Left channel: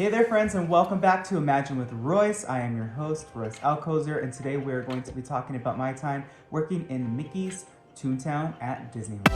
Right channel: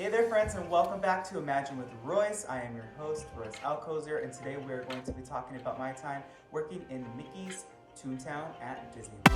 Hey there friends, and welcome back to Imagine with Royce. I am your host, Royce Alcozer, and today we're going to be talking about my time working in Mickeys Toon Town at Disneyland.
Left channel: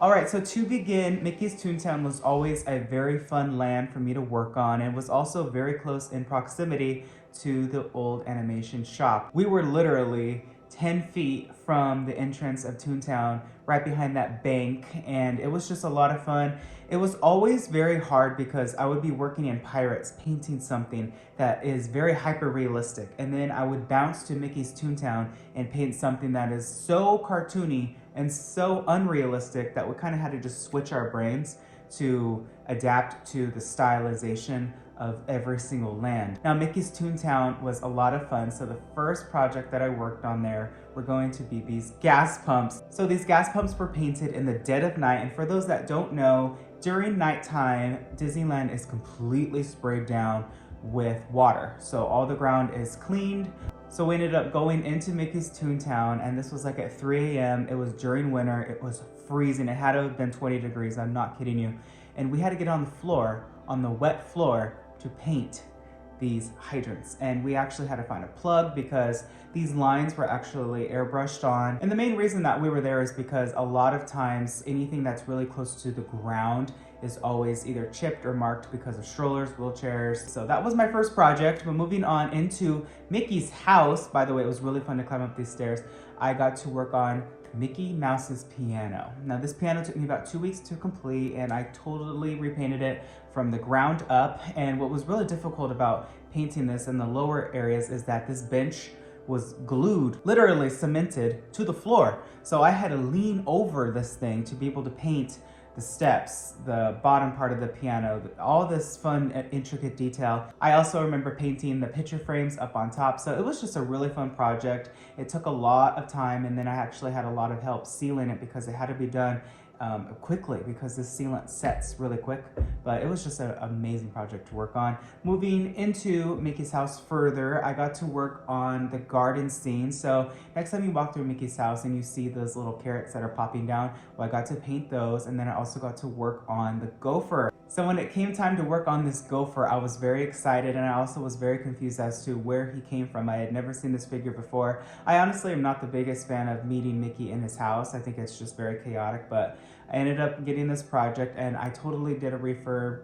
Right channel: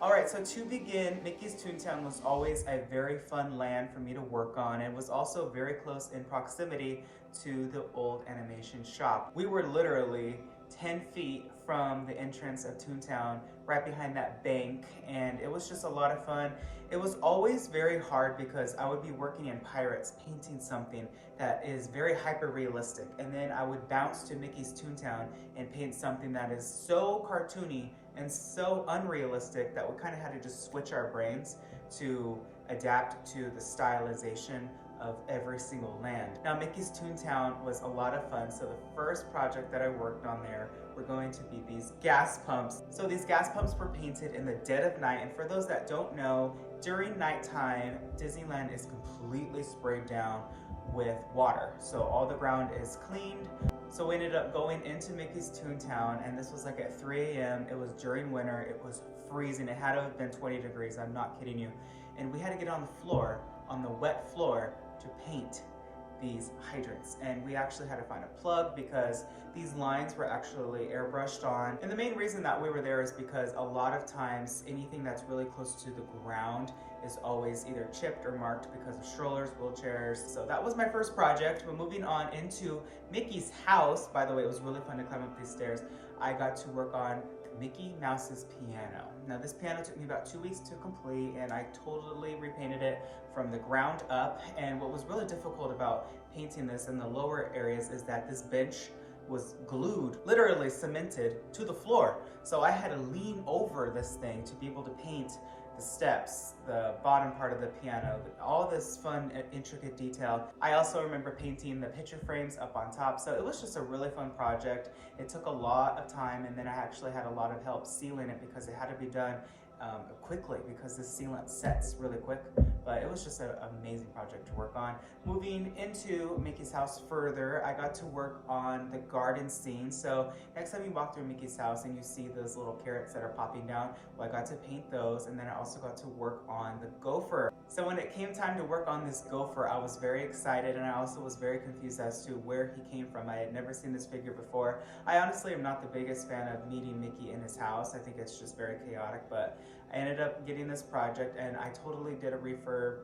Alright, so to begin, Mickeys Toon Town was always a very fun land for me to work on, and was also very close in proximity to the old animation shop. We were literally 10 feet from the entrance of Toontown, right behind that bank, and it was just a lot of fun. It was always very hard because I would be working in Pirates, painting something that is very hyper-realistic, and then I would bounce to Mickeys Toon Town and paint something that is so cartoony and so unrealistic that we kind of had to just switch our brains to adapt to the stylization of every single land. Now, Mickeys Toon Town was a lot of fun, so the first project that I worked on there were going to be these gas pumps. So these gas pumps were painted in the dead of night, and for those that don't know, during nighttime, Disneyland is completely sprayed down with water. So all the ground is cleaned. So we ended up going into Mickeys Toon Town, and this was like at 3 a.m. It was during winter, it was freezing. It had to have been 20 degrees, I'm not kidding you. And we had to get on the floor, on the wet floor, to paint these hydrants. And we actually had to find a plug because these lines were actually airbrushed on. And the main reason that we were there is because a lot of times anything that's really close to the ground is always either chipped or marked because of strollers, wheelchairs. So that was my first project. But moving on into Mickey's house, by the way, it was really fun to climb up these stairs. I got to work on Mickey Mouse's piano. Now this piano took me about 2 weeks to complete, and I totally repainted it from the ground up. And what was really difficult about painting this in the lower areas is that this bench was glued, literally cemented to the floor. So I had to lean over this thing to be able to paint the steps, the bottom part of the piano, all this fun and intricate detail. I also remember painting the picture frames up on top. So it was just a really fun project. It took a lot of time, and then I actually had a lot of help sealing it because it had to be done quickly because this sealant sets really quick. But it was just an amazing project to work on. Moving into Mickey's house further, I got to work on the garden scene. So next time you walk through Mickey's house and you see those little carrots that are popping down, well, I got to paint those, and then I also got to work on the gopher. So when it came time to work on this gopher, I was very excited, and I also was very confused as to where he came from. I had never seen this figure before. I honestly am not the biggest fan of meeting Mickey in his house. I think it's just very chaotic, but I ended up getting this project, and I totally did a refurb,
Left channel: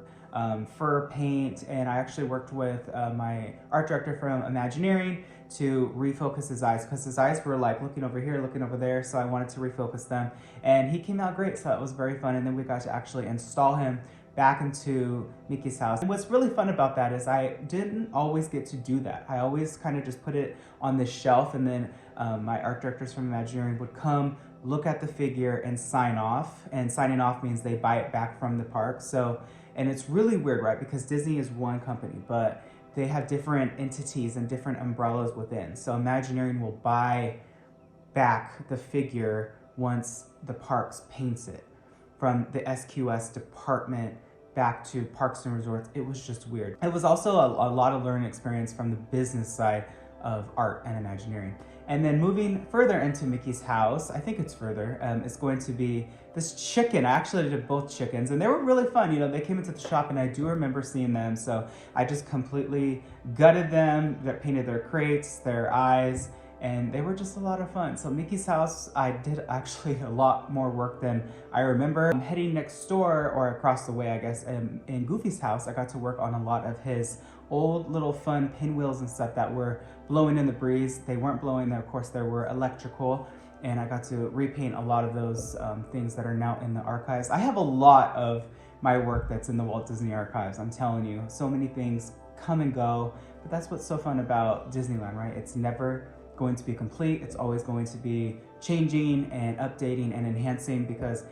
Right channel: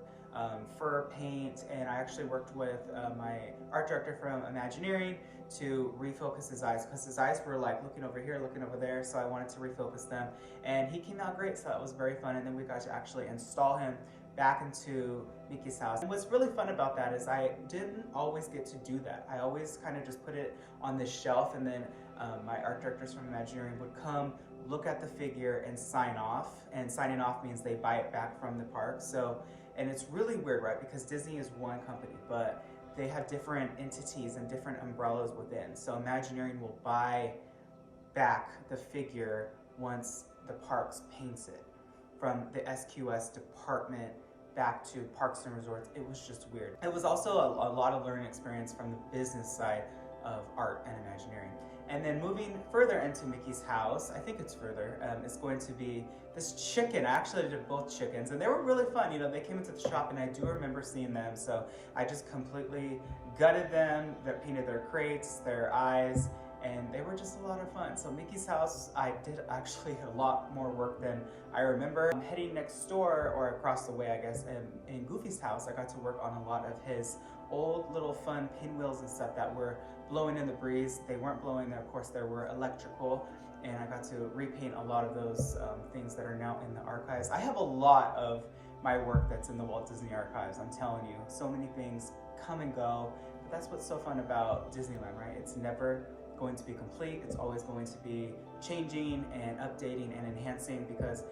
fur paint, and I actually worked with my art director from Imagineering to refocus his eyes, because his eyes were like looking over here, looking over there, so I wanted to refocus them, and he came out great, so it was very fun. And then we got to actually install him back into Mickey's house. And what's really fun about that is I didn't always get to do that. I always kind of just put it on the shelf, and then my art directors from Imagineering would come, look at the figure, and sign off. And signing off means they buy it back from the park. So, and it's really weird, right? Because Disney is one company, but they have different entities and different umbrellas within. So Imagineering will buy back the figure once the parks paints it from the SQS department back to Parks and Resorts. It was just weird. It was also a lot of learning experience from the business side of art and Imagineering. And then moving further into Mickey's house, I think it's further, it's going to be this chicken. I actually did both chickens, and they were really fun. You know, they came into the shop, and I do remember seeing them, so I just completely gutted them, painted their crates, their eyes, and they were just a lot of fun. So Mickey's house, I did actually a lot more work than I remember. Heading next door, or across the way, I guess, in Goofy's house, I got to work on a lot of his old little fun pinwheels and stuff that were blowing in the breeze. They weren't blowing, of course, they were electrical, and I got to repaint a lot of those things that are now in the archives. I have a lot of my work that's in the Walt Disney Archives, I'm telling you. So many things come and go, but that's what's so fun about Disneyland, right? It's never going to be complete. It's always going to be changing and updating and enhancing, because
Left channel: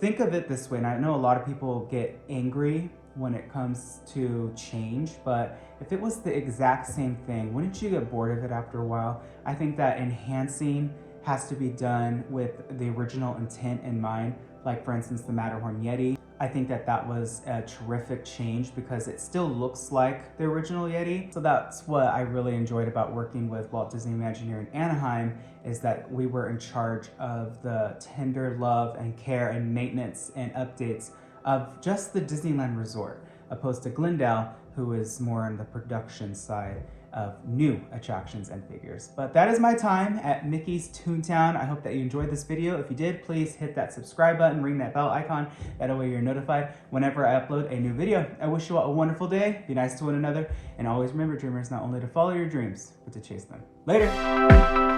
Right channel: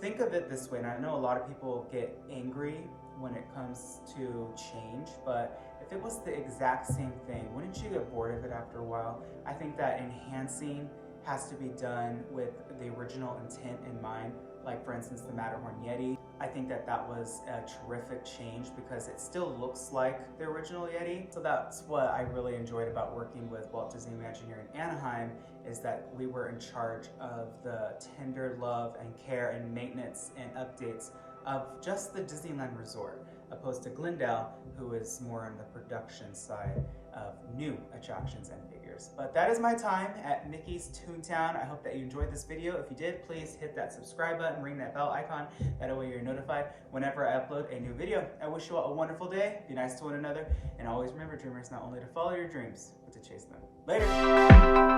think of it this way, and I know a lot of people get angry when it comes to change, but if it was the exact same thing, wouldn't you get bored of it after a while? I think that enhancing has to be done with the original intent in mind. Like, for instance, the Matterhorn Yeti. I think that that was a terrific change because it still looks like the original Yeti. So that's what I really enjoyed about working with Walt Disney Imagineering Anaheim, is that we were in charge of the tender love and care and maintenance and updates of just the Disneyland Resort, opposed to Glendale, who is more on the production side of new attractions and figures. But that is my time at Mickeys Toon Town. I hope that you enjoyed this video. If you did, please hit that subscribe button, ring that bell icon. That way you're notified whenever I upload a new video. I wish you all a wonderful day. Be nice to one another. And always remember, dreamers, not only to follow your dreams, but to chase them. Later.